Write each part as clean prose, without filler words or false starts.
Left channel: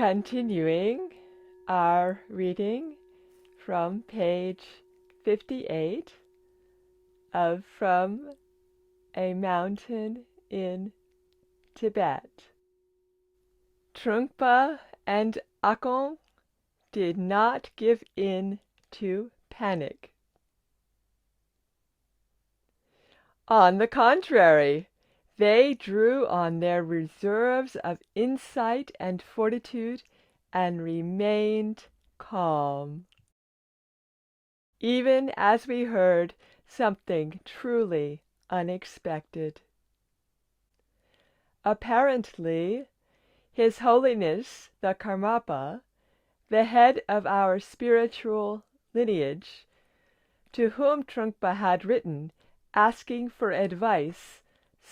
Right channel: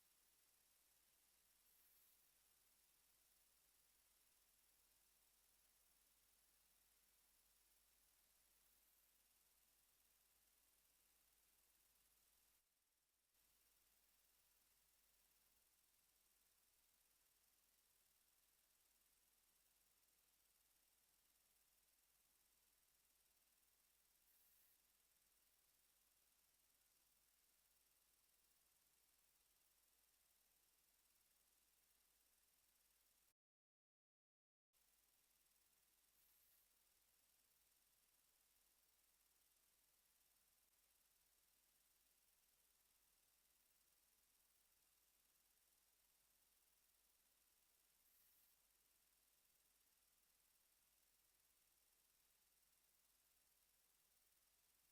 Continuing our reading from page 58 of From a Mountain in Tibet. Trungpa and Akon did not give in to panic. On the contrary, they drew on their reserves of insight and fortitude and remained calm. Even as we heard something truly unexpected. Apparently, His Holiness the Karmapa, the head of our spiritual lineage, to whom Trungpa had written asking for advice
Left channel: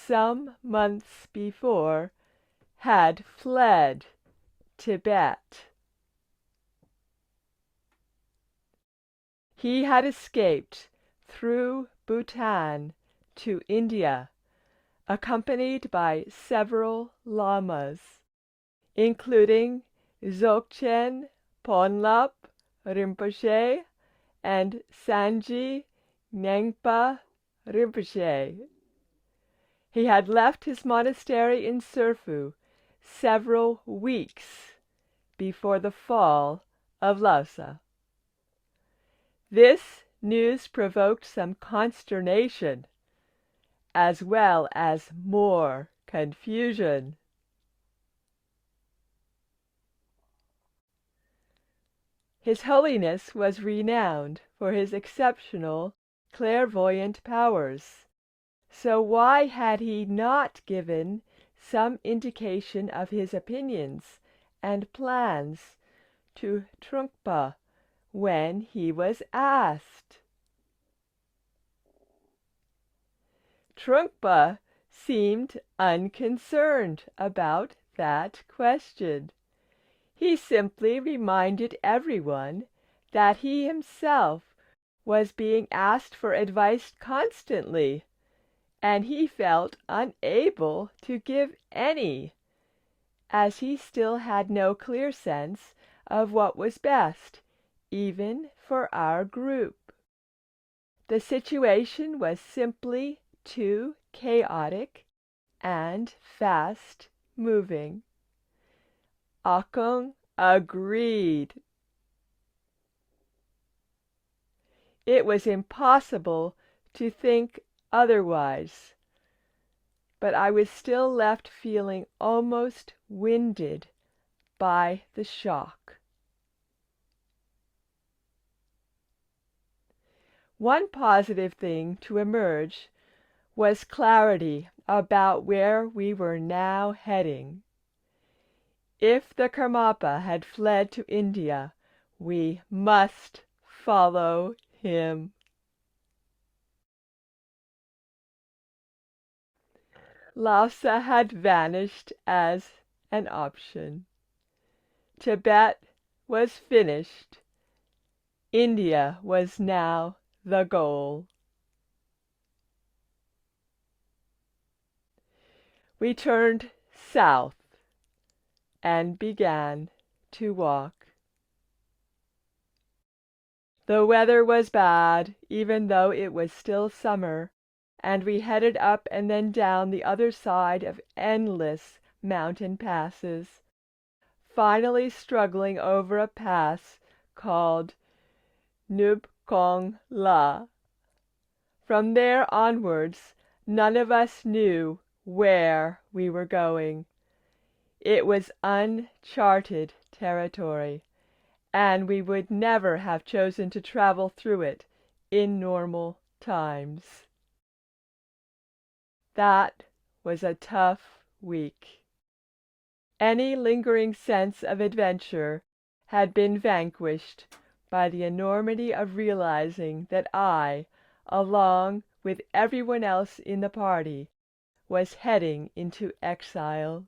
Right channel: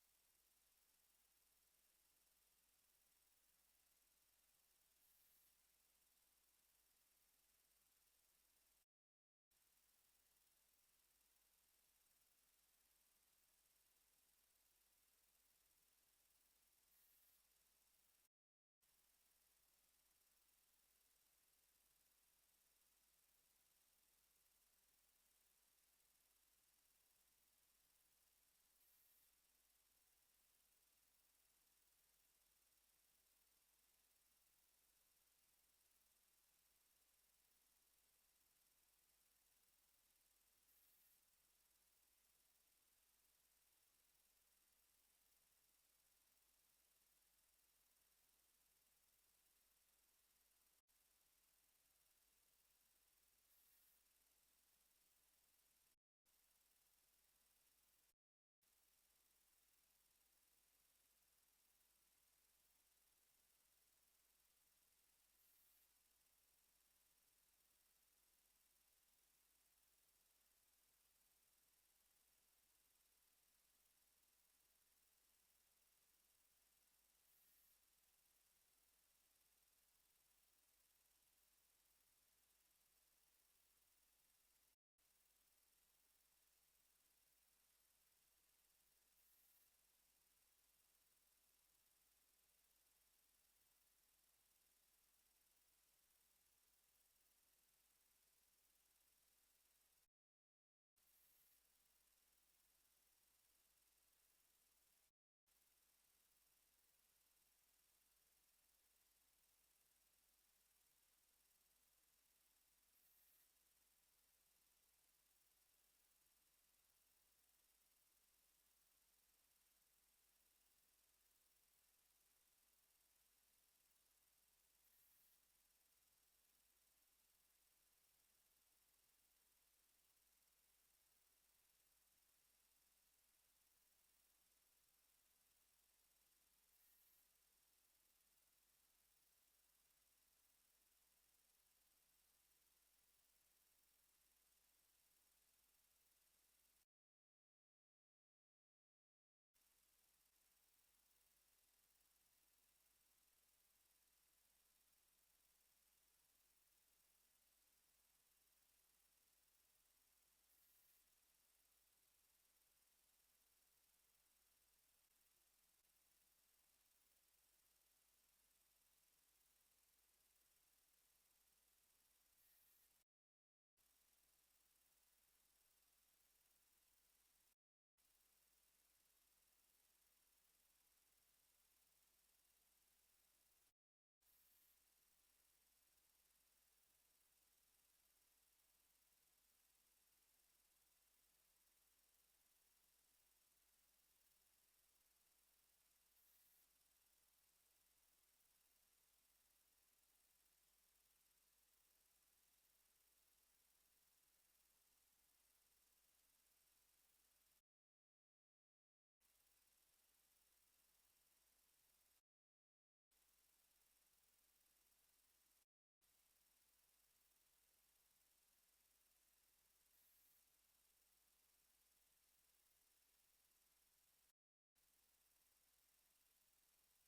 some months before, had fled Tibet. He had escaped through Bhutan to India, accompanied by several lamas, including Dzogchen Ponlop Rinpoche and Sanji Nyingpa Rinpoche. He had left his monastery in Serfu several weeks before the fall of Lhasa. This news provoked some consternation, as well as more confusion. His Holiness was renowned for his exceptional clairvoyant powers. So why had he not given some indication of his opinions and plans to Trungpa when he was asked? Trungpa seemed unconcerned about that question. He simply reminded everyone that he himself was being asked for advice constantly, and he felt unable to give any, as he still had no clear sense of what was best, even for our group. The situation was simply too chaotic and fast-moving. Akon agreed. It was impossible to think otherwise, but I was still left feeling almost winded by the shock. One positive thing to emerge was clarity about where we were now heading. If the Karmapa had fled to India, we must follow him. Lhasa had vanished as an option. Tibet was finished. India was now the goal. We turned south and began to walk. The weather was bad, even though it was still summer, and we headed up and then down the other side of endless mountain passes, finally struggling over a pass called Nub Kong La. From there onwards, none of us knew where we were going. It was uncharted territory, and we would never have chosen to travel through it in normal times. That was a tough week. Any lingering sense of adventure had been vanquished by the enormity of realizing that I, along with everyone else in the party, was heading into exile.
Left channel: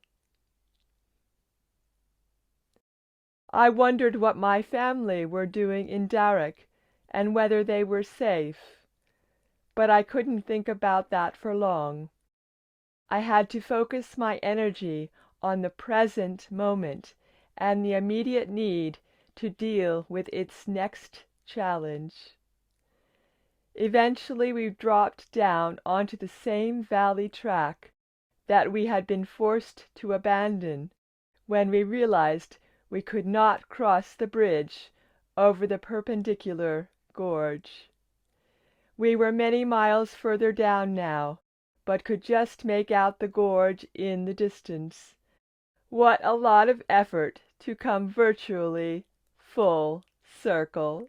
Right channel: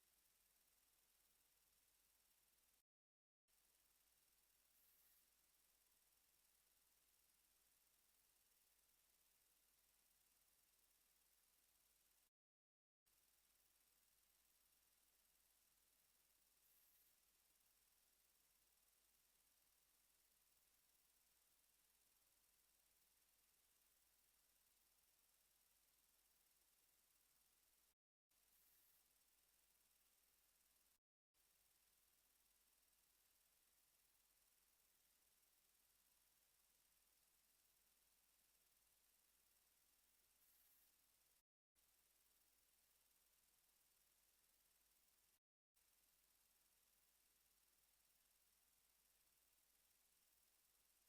I wondered what my family were doing in Darak and whether they were safe, but I couldn't think about that for long. I had to focus my energy on the present moment and the immediate need to deal with its next challenge. Eventually we dropped down onto the same valley track that we had been forced to abandon when we realized we could not cross the bridge over the perpendicular gorge. We were many miles further down now, but could just make out the gorge in the distance. What a lot of effort to come virtually full circle!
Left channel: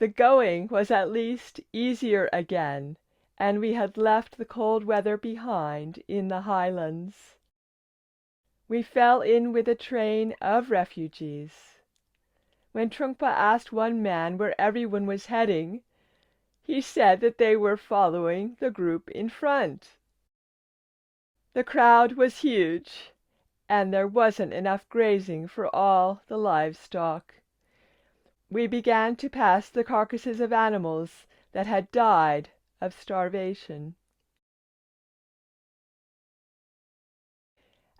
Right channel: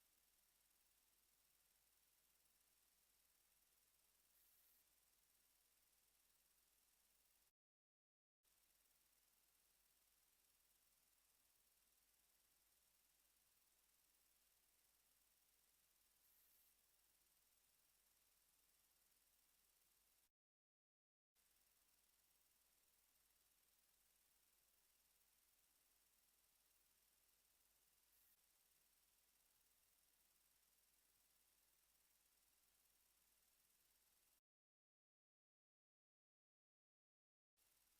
The going was at least easier again, and we had left the cold weather behind in the highlands. We fell in with a train of refugees. When Trungpa asked one man where everyone was heading, he said that they were following the group in front. The crowd was huge, and there wasn't enough grazing for all the livestock. We began to pass the carcasses of animals that had died of starvation.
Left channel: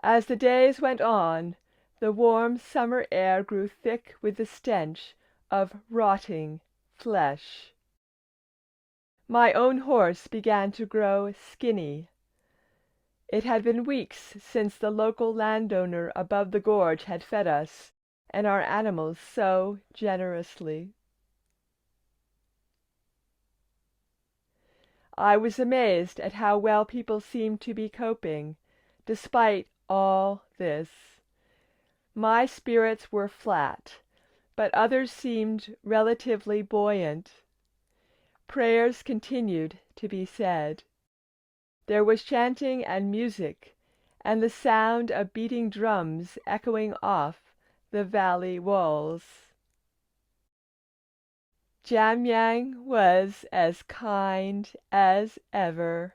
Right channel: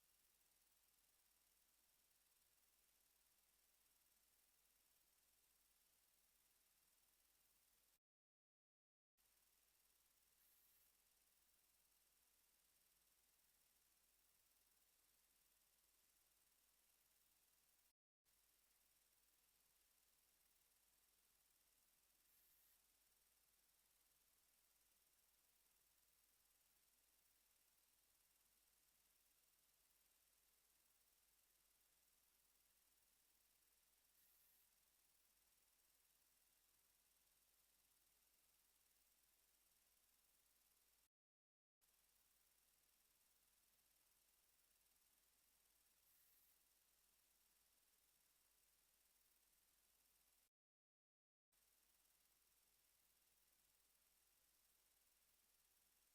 As the days went on, the warm summer air grew thick with the stench of rotting flesh. My own horse began to grow skinny. It had been weeks since the local landowner above the gorge had fed us and our animals so generously. I was amazed at how well people seemed to be coping, despite all this. My spirits were flat, but others seemed relatively buoyant. Prayers continued to be said. There was chanting and music, and the sound of beating drums echoing off the valley walls. Jamyang was as kind as ever.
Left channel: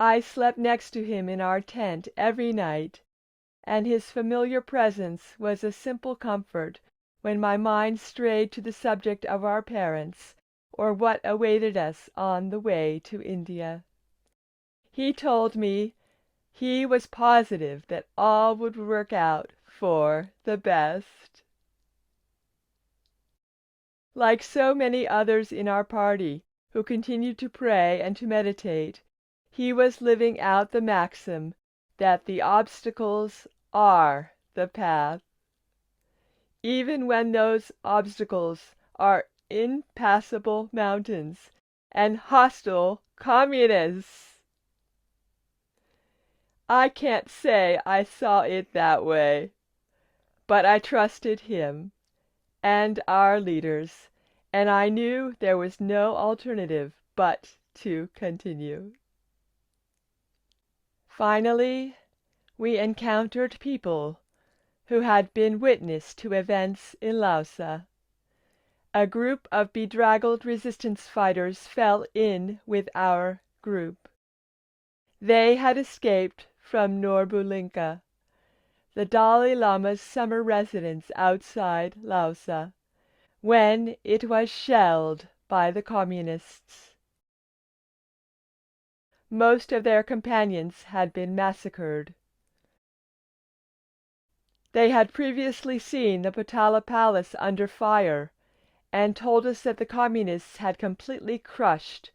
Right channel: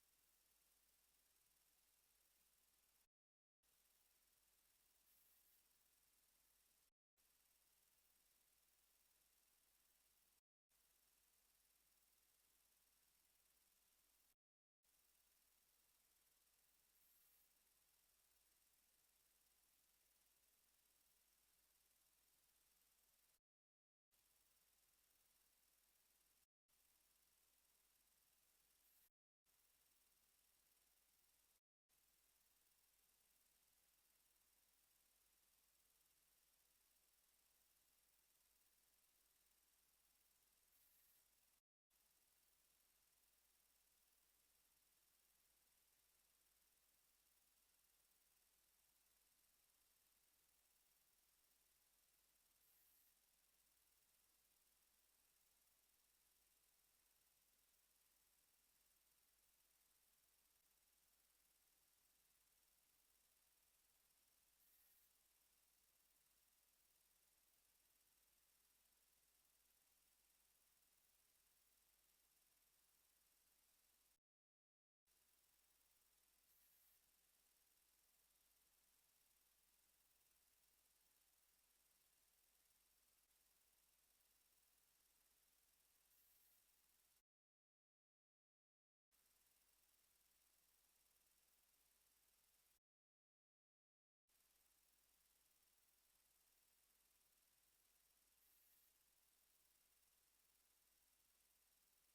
I slept next to him in our tent every night, and his familiar presence was a simple comfort when my mind strayed to the subject of our parents or what awaited us on the way to India. He told me he was positive that all would work out for the best. Like so many others in our party who continued to pray and to meditate, he was living out the maxim that the obstacles are the path. Even when those obstacles are impassable mountains and hostile communists. I can't say I saw it that way, but I trusted him and our leaders, and I knew there was no alternative but to continue. Finally, we encountered people who had been witness to events in Lhasa. A group of bedraggled resistance fighters fell in with our group. They had escaped from Norbulinka, the Dalai Lama's summer residence outside Lhasa, when it was shelled by the communists. Most of their companions had been massacred. They had previously seen the Potala Palace under fire and told us that the communists had completely crushed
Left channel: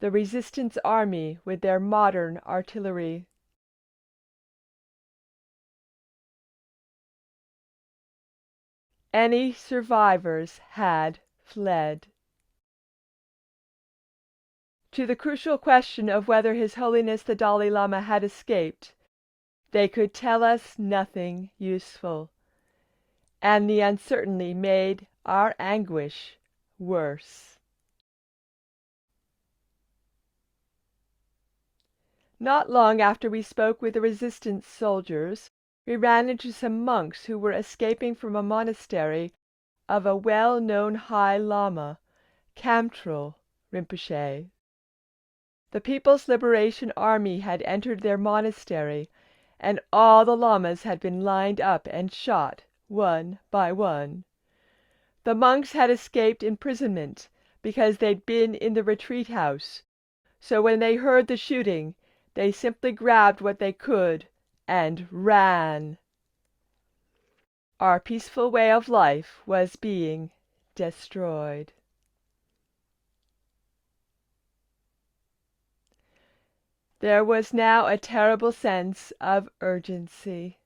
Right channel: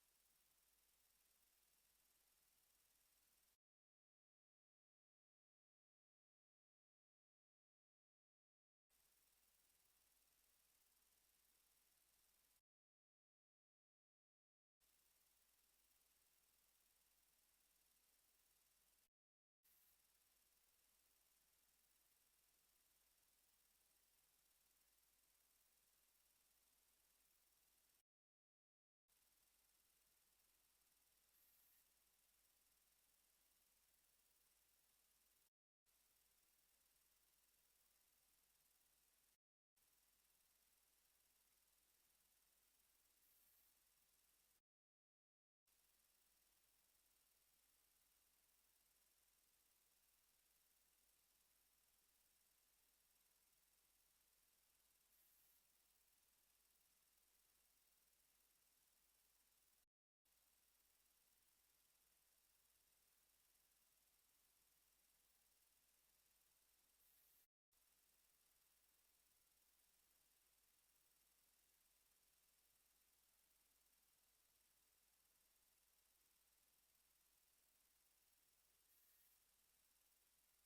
the resistance army with their modern artillery. Any survivors had fled. To the crucial question of whether His Holiness the Dalai Lama had escaped, they could tell us nothing useful, and the uncertainty made our anguish worse. Not long after we spoke with the resistance soldiers, we ran into some monks who were escaping from a monastery of a well-known High Lama, Kamtrul Rinpoche. The People's Liberation Army had entered their monastery, and all the lamas had been lined up and shot one by one. The monks had escaped imprisonment because they'd been in the retreat house, so when they heard the shooting, they simply grabbed what they could and ran. Our peaceful way of life was being destroyed. There was now a terrible sense of urgency.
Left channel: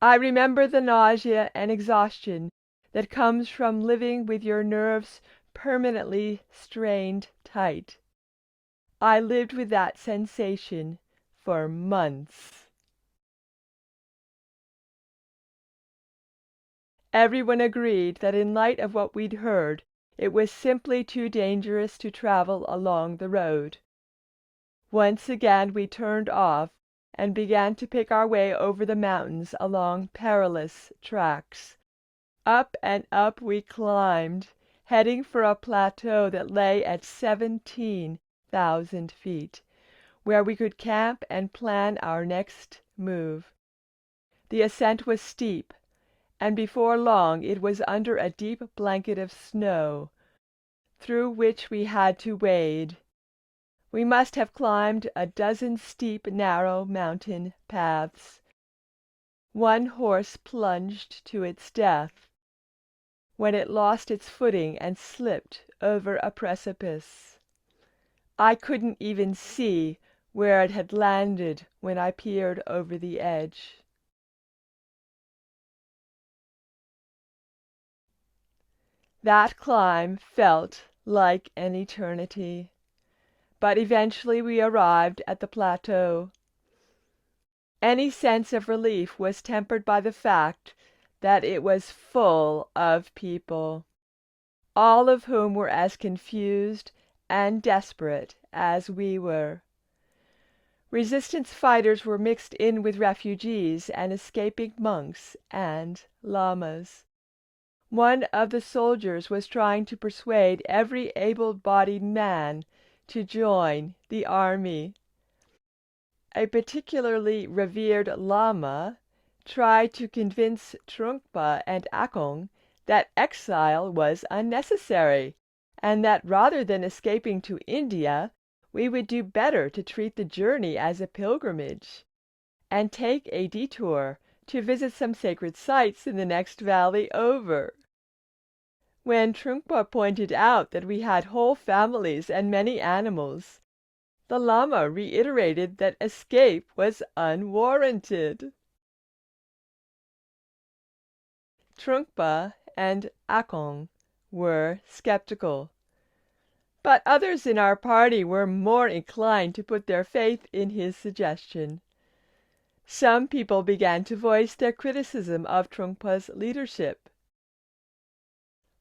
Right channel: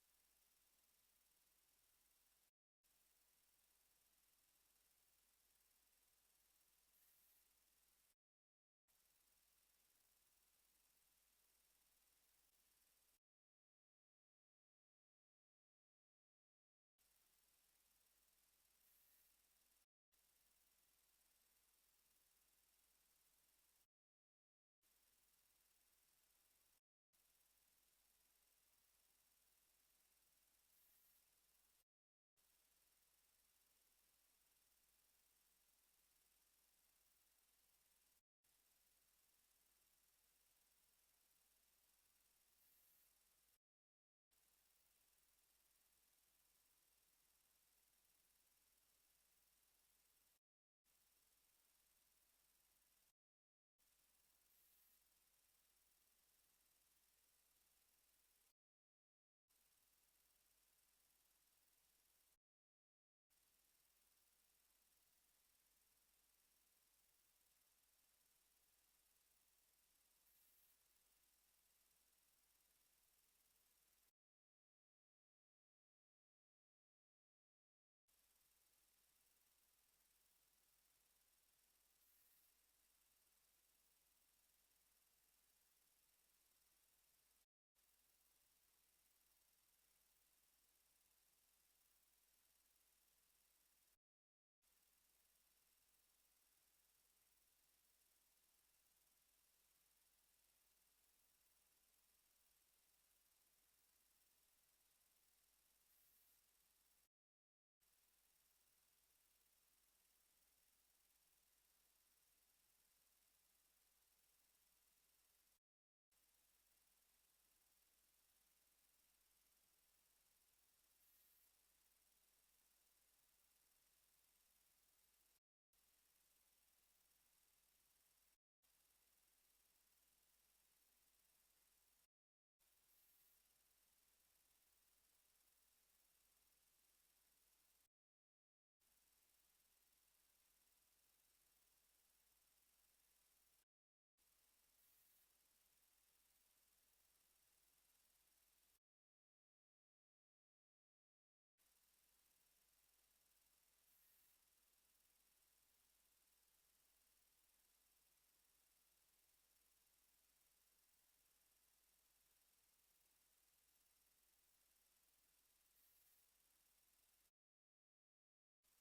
I remember the nausea and exhaustion that comes from living with your nerves permanently strained tight. I lived with that sensation for months. Everyone agreed that in light of what we'd heard, it was simply too dangerous to travel along the road. Once again we turned off and began to pick our way over the mountains along perilous tracks. Up and up we climbed, heading for a plateau that lay at 17,000 feet, where we could camp and plan our next move. The ascent was steep, and before long it was under a deep blanket of snow, through which we had to wade. We must have climbed a dozen steep, narrow mountain paths. One horse plunged to its death, when it lost its footing and slipped over a precipice. I couldn't even see where it had landed when I peered over the edge. That climb felt like an eternity, but eventually we arrived at the plateau. Any sense of relief was tempered by the fact that it was full of people, all of whom were as confused and desperate as we were. Resistance fighters were mixed in with refugees and escaping monks and lamas. One of the soldiers was trying to persuade every able-bodied man to join the army. A particularly revered Lama tried to convince Trungpa and Akong that exile was unnecessary, and that rather than escaping to India, we would do better to treat the journey as a pilgrimage, and take a detour to visit some sacred sites in the next valley over. When Trungpa pointed out that we had whole families and many animals, the Lama reiterated that escape was unwarranted. Trungpa and Akong were skeptical, but others in our party were more inclined to put their faith in his suggestion. Some people began to voice their criticism of Trungpa's leadership.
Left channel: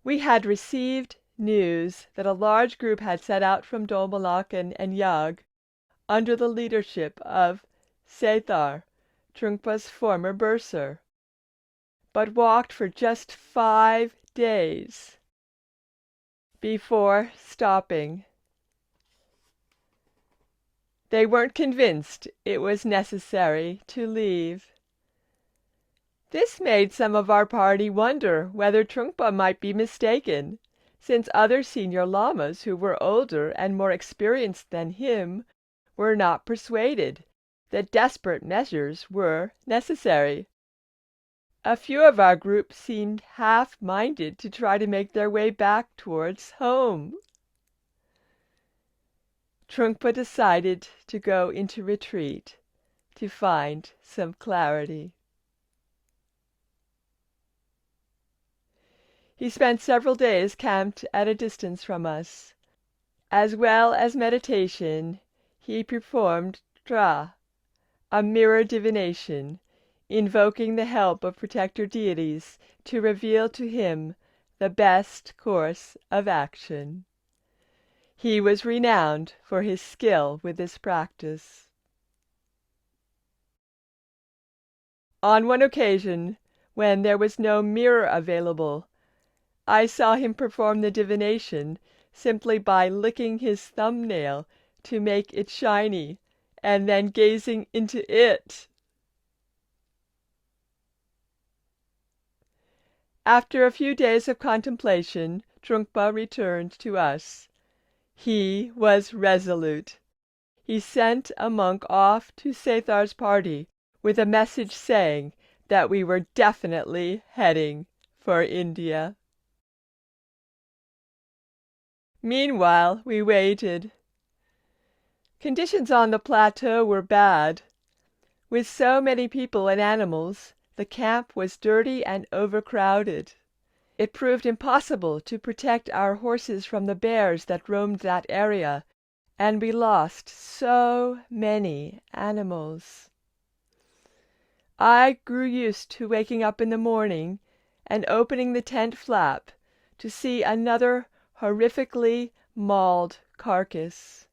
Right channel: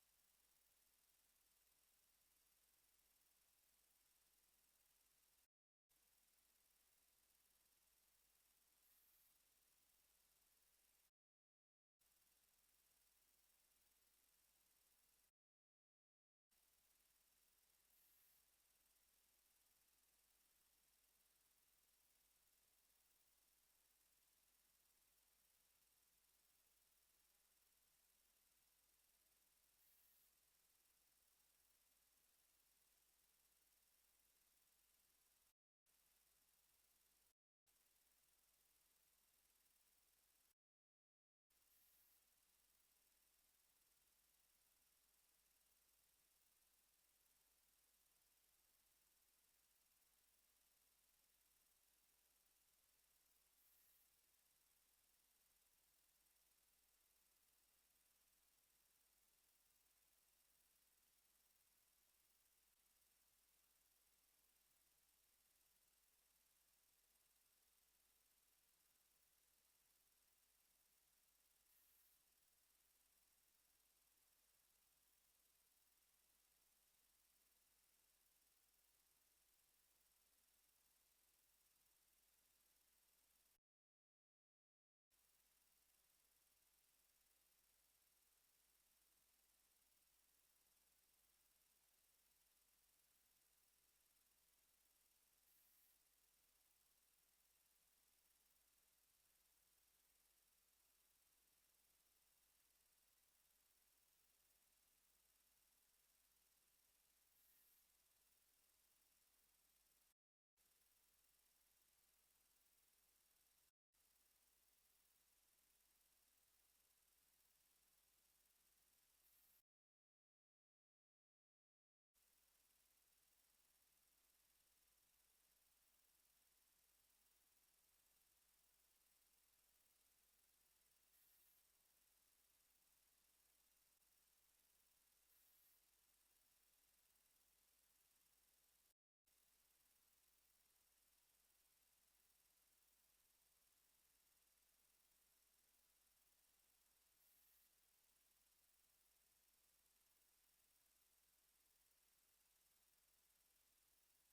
We had received news that a large group had set out from Dolmalakan and Yag under the leadership of Sethar, Trungpa's former bursar, but walked for just 5 days before stopping. They weren't convinced it was necessary to leave. This made some of our party wonder whether Trungpa might be mistaken, since other senior lamas who were older and more experienced than him were not persuaded that desperate measures were necessary. A few of our group seemed half-minded to try to make their way back towards home. Trungpa decided to go into retreat to find some clarity. He spent several days camped at a distance from us. As well as meditation, he performed Tra, a mirror divination, invoking the help of protector deities to reveal to him the best course of action. He was renowned for his skill with this practice. On one occasion, when there was no mirror available, I saw him perform the divination simply by licking his thumbnail to make it shiny, and then gazing into it. After a few days of contemplation, Trungpa returned to us. He was resolute. he sent a monk off to Sethar's party with a message saying that we were definitely heading for India. Meanwhile, we waited. Conditions on the plateau were bad. With so many people and animals, the camp was dirty and overcrowded. It proved impossible to protect our horses from the bears that roamed that area, and we lost so many animals. I grew used to waking up in the morning and opening the tent flap to see another horrifically mauled carcass.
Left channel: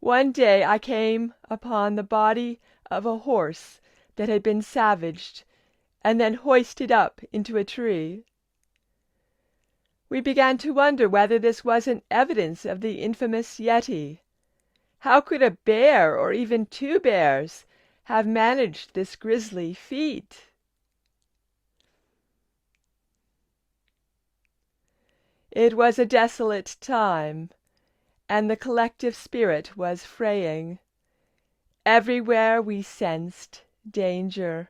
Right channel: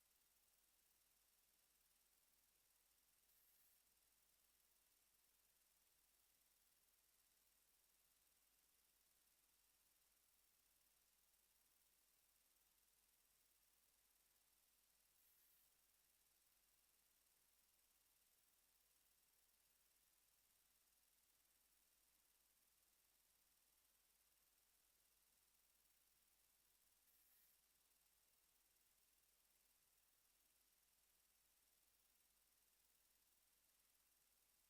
One day I came upon the body of a horse that had been savaged and then hoisted up into a tree. We began to wonder whether this wasn't evidence of the infamous Yeti. How could a bear, or even two bears, have managed this grisly feat? It was a desolate time, and the collective spirit was fraying. Everywhere we sensed danger,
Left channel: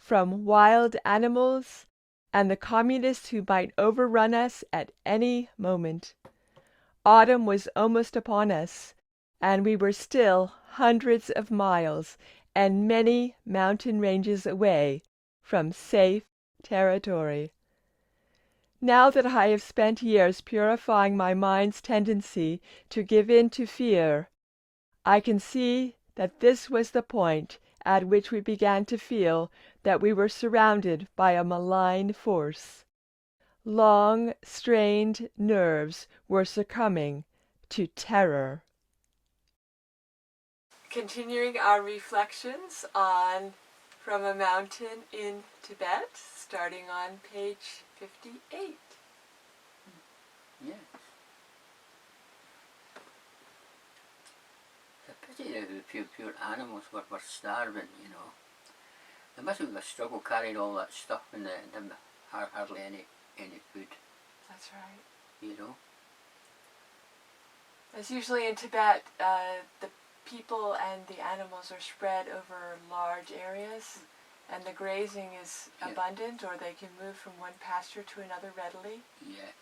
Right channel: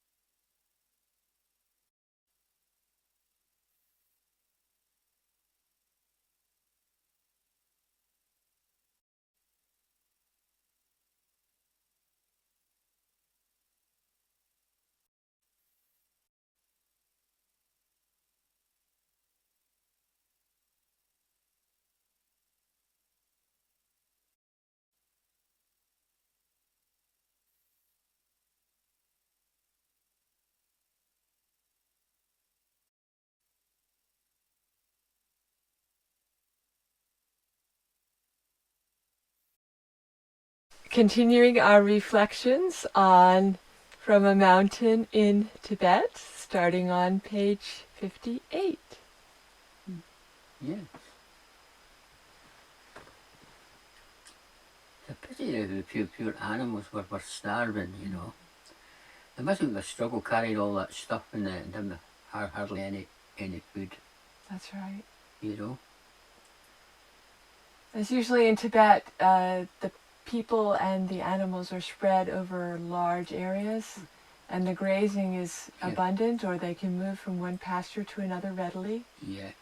from wild animals and the communists who might overrun us at any moment. Autumn was almost upon us, and we were still hundreds of miles and many mountain ranges away from safe territory. Now that I have spent years purifying my mind's tendency to give in to fear, I can see that this was the point at which we began to feel that we were surrounded by a malign force. Long strained nerves were succumbing to terror. Continuing our reflections on From a Mountain in Tibet, starting on page 58. Yes. It's a pity that the pure animals were starving, you know. They must have been a struggle carrying all that stuff and didn't have hardly any food. That's right. You know. As usually in Tibet, the people and the animals are spread over large areas, and the grazing is abundant, or they can move from one pasture to another readily. Yeah,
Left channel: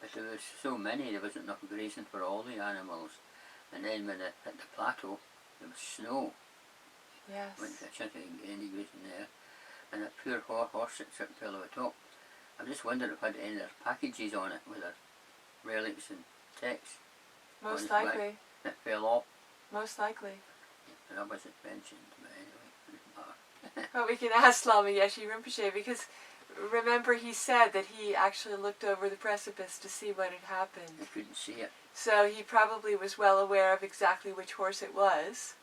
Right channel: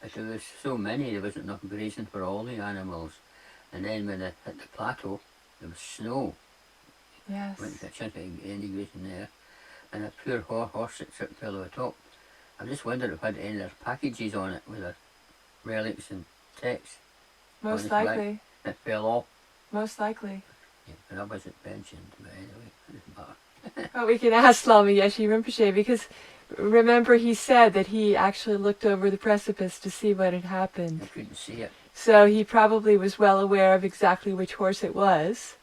but there was so many, there wasn't enough grazing for all the animals. And then when they hit the plateau, there was snow. Yes. Went to a chance of any grazing there. And a poor horse that fell over the top. I just wondered if it had any of their packages on it with their relics and texts. Most likely. It fell off. Most likely. Yeah, but that wasn't mentioned, but anyway, it doesn't matter. Well, we can ask Lama Yeshe Rinpoche, because remember he said that he actually looked over the precipice to see what had happened. I couldn't see it. So he probably was well aware of exactly which horse it was,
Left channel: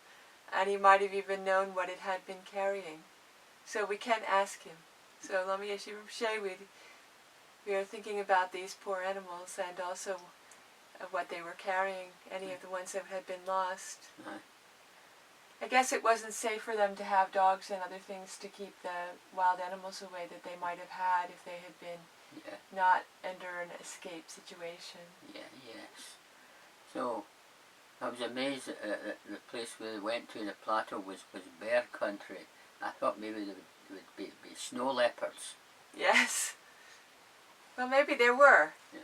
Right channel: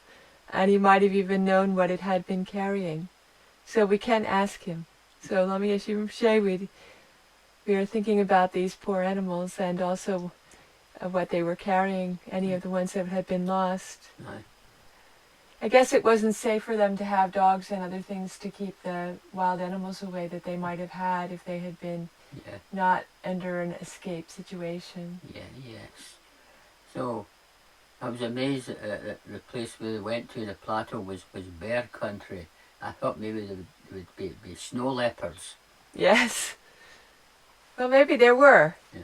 and he might have even known what it had been carrying. So we can ask him. So Lama Yeshe Rinpoche, we are thinking about these poor animals and also what they were carrying, any of the ones that had been lost. Aye. I guess it wasn't safe for them to have dogs and other things to keep the wild animals away that they might have had if they had been not under an escape situation. Yeah, yes. So, I was amazed that the place we went to, the plateau, was bear country. I thought maybe there would be snow leopards. Yes. Well, maybe there were. Yeah.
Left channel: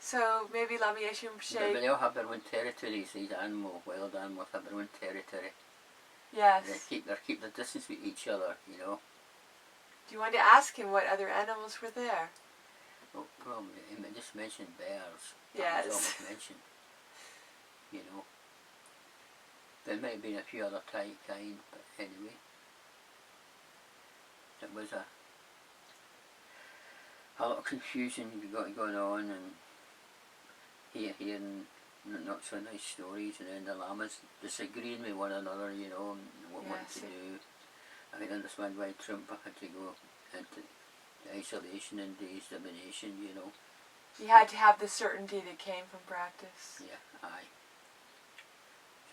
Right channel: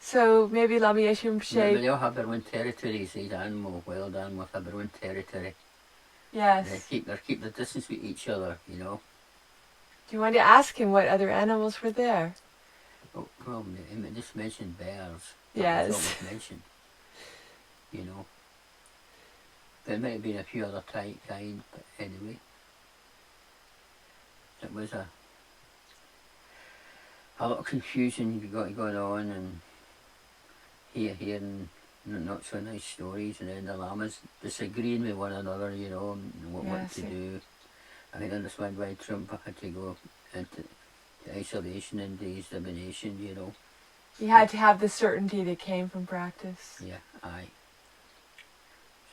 So maybe Lama Yeshe Rinpoche... They all have their own territories, these wild animals have their own territory. Yes. They keep the distance with each other, you know. Do you want to ask him what other animals were there? Oh, well, he just mentioned bears. Yes. That's all was mentioned. You know. There might have been a few other kind, but anyway. It was a lot of confusion going on, and hearing not so nice stories, and then the lamas disagreeing with one another, you know, and what to do. I can understand why Trump had to go into isolation and examination, you know. He had to have the certainty that came from practice. Yeah, aye.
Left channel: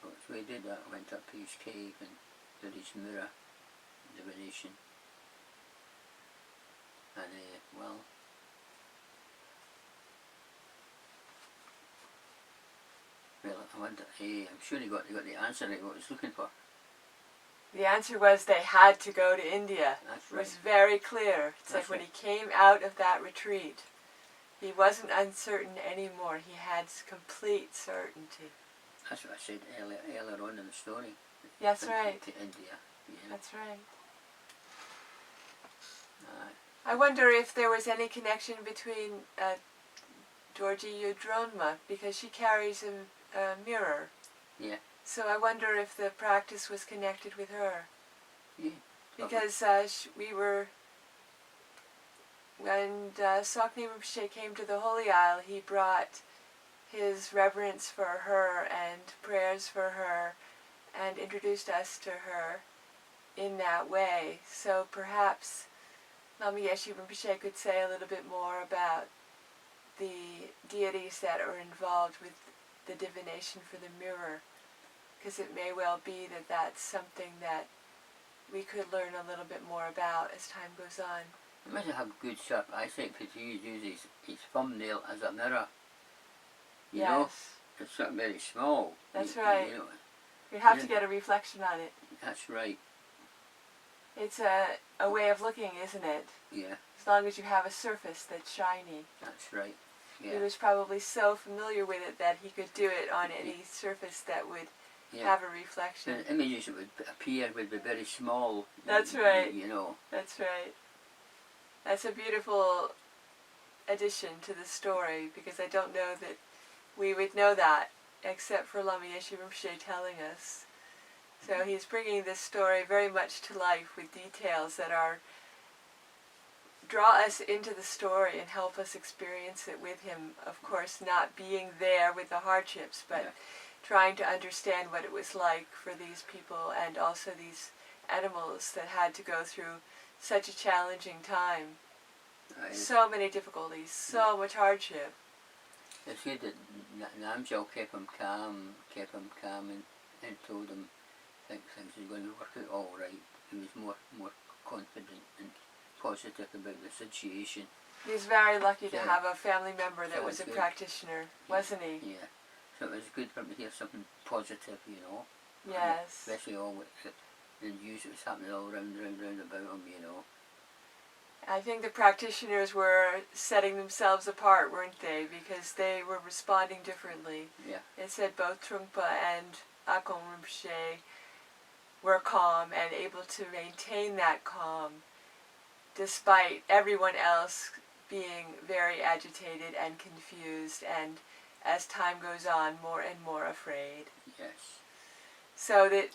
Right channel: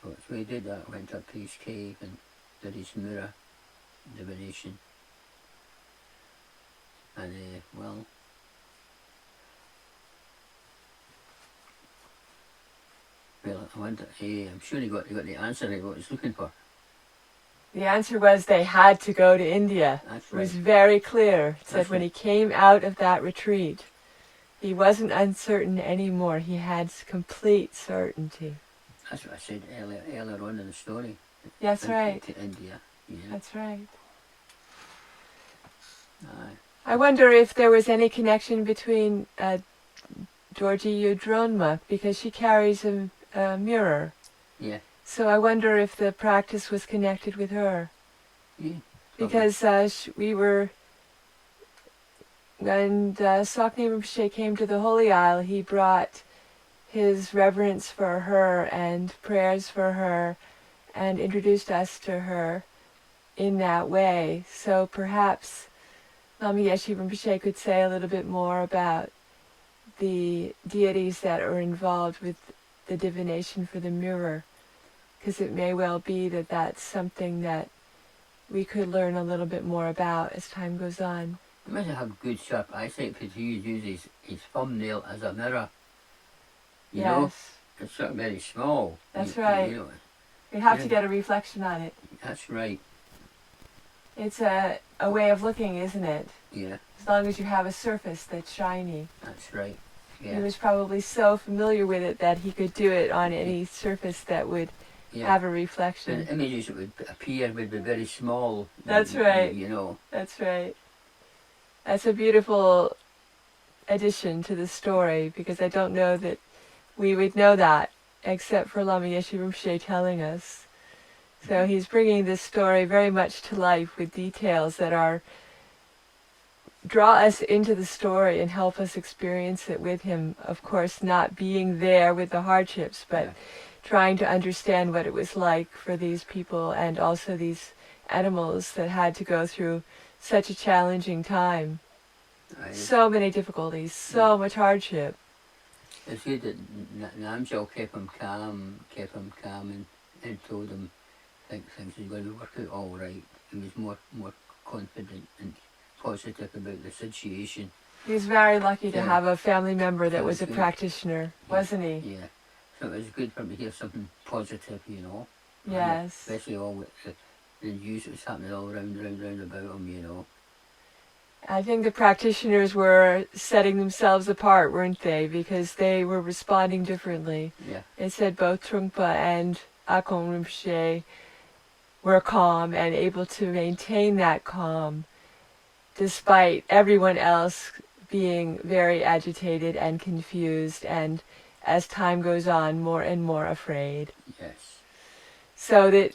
So he did that, went up his cave and did his Mura divination. And, well, I wonder, I'm sure he got the answer right what he was looking for. The answer was they had to go to India. That's It was right. very clear. It said That's when right. he came out of that retreat, he wasn't uncertain anymore. He had complete certainty. That's what I said earlier on in the story. That's right. To India. Yeah. That's right. Aye. I wonder if there was any connection between Georgie Yudronma, because she carries a mirror. Yeah. So I wonder if the practice was connected with her. Yeah. Because we were, when Sakni Rinpoche came to the Holy Isle, he brought his reverence for her and prayers for her and introduced us to her in that way. So perhaps Lama Yeshe Rinpoche could say a little bit more about the deities that are involved with the divination for the mirror, because it may well be that that's something that we could learn a little bit more about as time goes on. He must have good sharp eyesight because he uses his thumbnail as a mirror. You know? It's sort of very small. That's right. You know, you have to get a reflection on it. That's right. It's a way of looking, isn't it? Yeah. As long as you have a surface that's shiny. That's right. Yeah. He was probably so familiar with it that he could do it on any surface that would have a reflection. The images that would appear would be very small. That's right. You know. That's right. That's a beautiful addition to the story, because I don't know that we would know that except for Lama Yeshe Rinpoche telling us. So he's bringing this story very much to life with details that are draw us into the story and help us experience it with him. Of course, not being there with the hardships, but trying to understand what it was like for these people and also these animals that had to go through such a challenging time. So many difficulties, so much hardship. It's good that Namjal kept him calm and told him things were going to work out all right. He was more confident and positive about the situation. He was very lucky to have a family member that was a practitioner, wasn't he? Yeah. So it was good for him to hear something positive, you know. Yes. Especially all with the news that was happening all round about him, you know. I think the practitioners were setting themselves apart, weren't they? Because they were responding differently. Yeah. It said both Trungpa and Akon Rinpoche were calm and able to maintain that calm despite everyone else being very agitated and confused and, as time goes on, more and more afraid. Yes. So that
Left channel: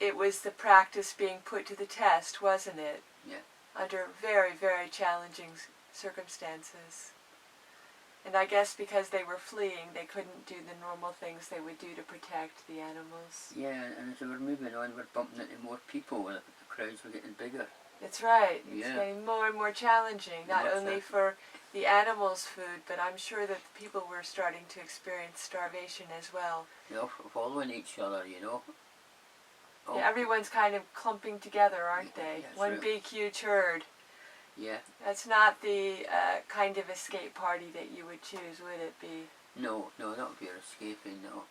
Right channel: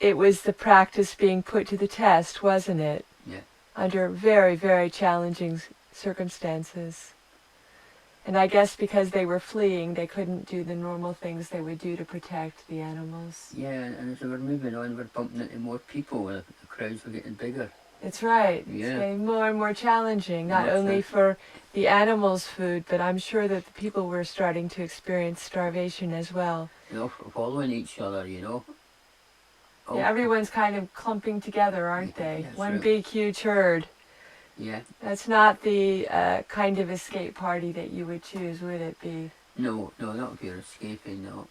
it was the practice being put to the test, wasn't it? Yeah. Under very, very challenging circumstances. And I guess because they were fleeing, they couldn't do the normal things they would do to protect the animals. Yeah, and as they were moving on, we're bumping into more people. The crowds were getting bigger. That's right. Yeah. It's getting more and more challenging, not only for the animals' food, but I'm sure that the people were starting to experience starvation as well. You know, following each other, you know. Yeah, everyone's kind of clumping together, aren't they? Yes, One right. big, huge herd. Yeah. That's not the kind of escape party that you would choose, would it be? No, not if you're escaping, no.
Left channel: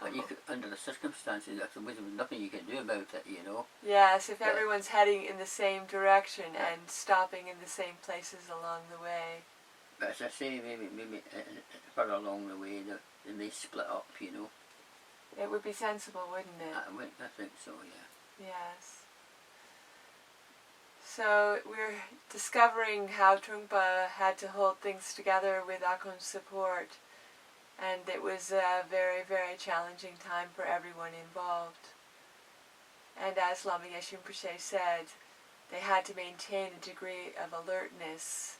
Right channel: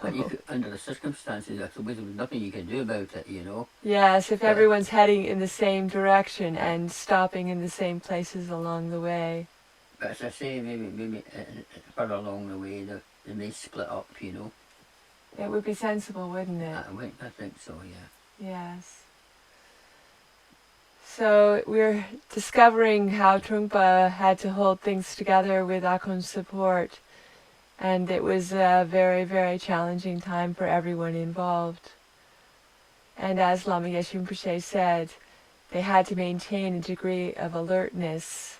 But you could, under the circumstances, there was nothing you could do about it, you know. Yes, if everyone's heading in the same direction and stopping in the same places along the way. But as I say, maybe further along the way, they may split up, you know. It would be sensible, wouldn't it? I think so, yeah. Yes. So we're discovering how Trungpa had to hold things together with Akon's support. And it was a very, very challenging time for everyone involved. And as Lama Yeshe Rinpoche said, they had to maintain a degree of alertness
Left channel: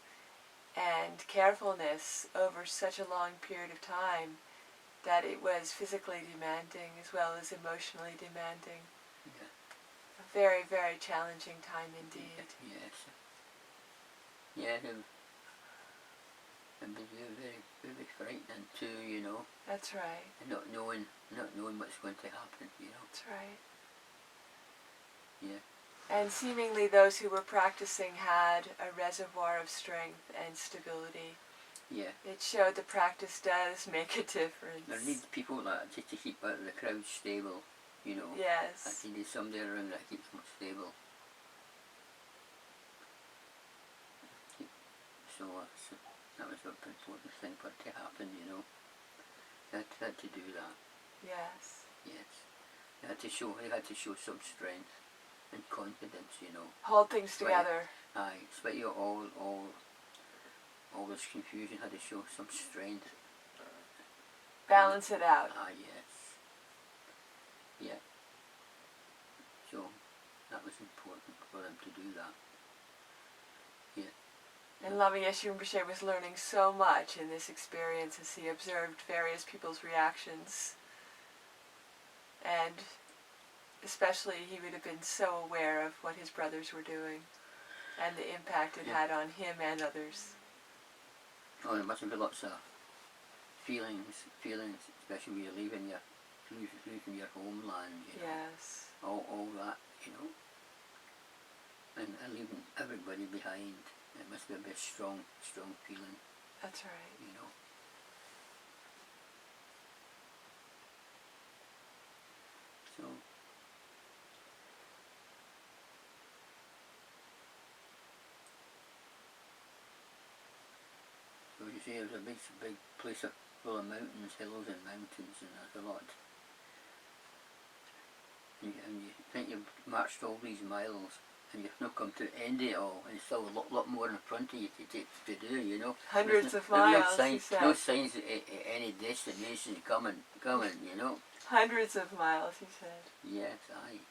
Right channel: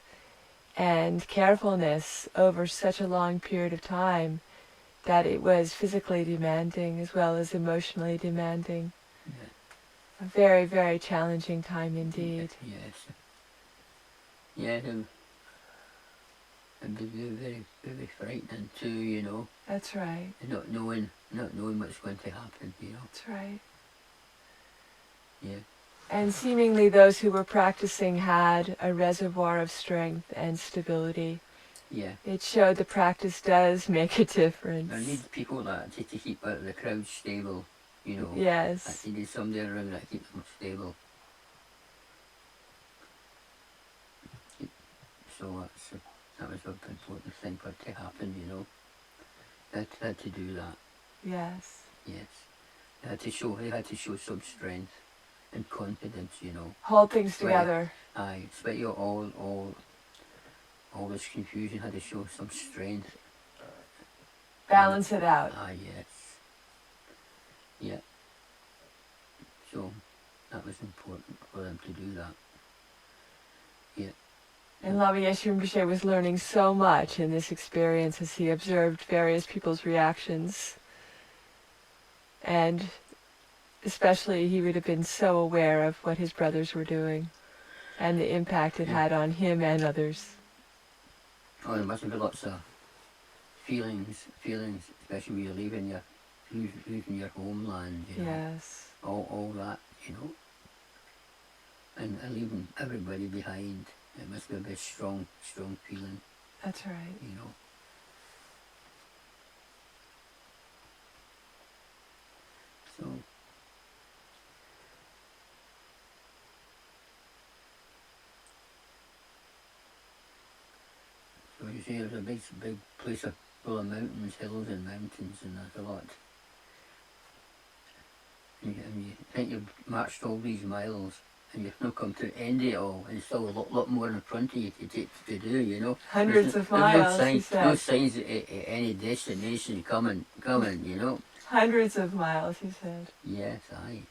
and carefulness over such a long period of time that it was physically demanding as well as emotionally demanding. Yeah. A very, very challenging time indeed. Yes. Yeah, and be very, very frightening too, you know. That's right. And not knowing what's going to happen, you know. That's right. Yeah. And seemingly those who were practicing had a reservoir of strength and stability. Yeah. It showed the practice does make a difference. There need people that to keep the crowd stable, you know. Yes. You need somebody around that keep them stable. So that was an important thing for it to happen, you know. Had to do that. Yes. Yes. They had to show some strength and confidence, you know. Hold things together. Aye, despite all this confusion, had to show some strength. Balance it out. Ah, yes. Yeah. So that was important for them to do that. Yeah. And Lama Yeshe Rinpoche was learning so much in this experience as he observed various people's reactions. And especially he would have been so aware of what his brothers were doing and the impact it had on him and others. Oh, there must have been lots of feelings, especially when you're losing your homeland, you know. Yes. All that, you know. And leaving everybody behind. It must be a bit strong feeling. That's right. You know. So you see, it was a big place full of mountains, hills and mountains, and there's a lot. And you think you've marched all these miles, and you've not come to the end of it all, and there's still a lot more in front of you to do, you know. Hundreds of miles, no he said. No signs of any destination coming, you know. Hundreds of miles, he said. Yes, aye.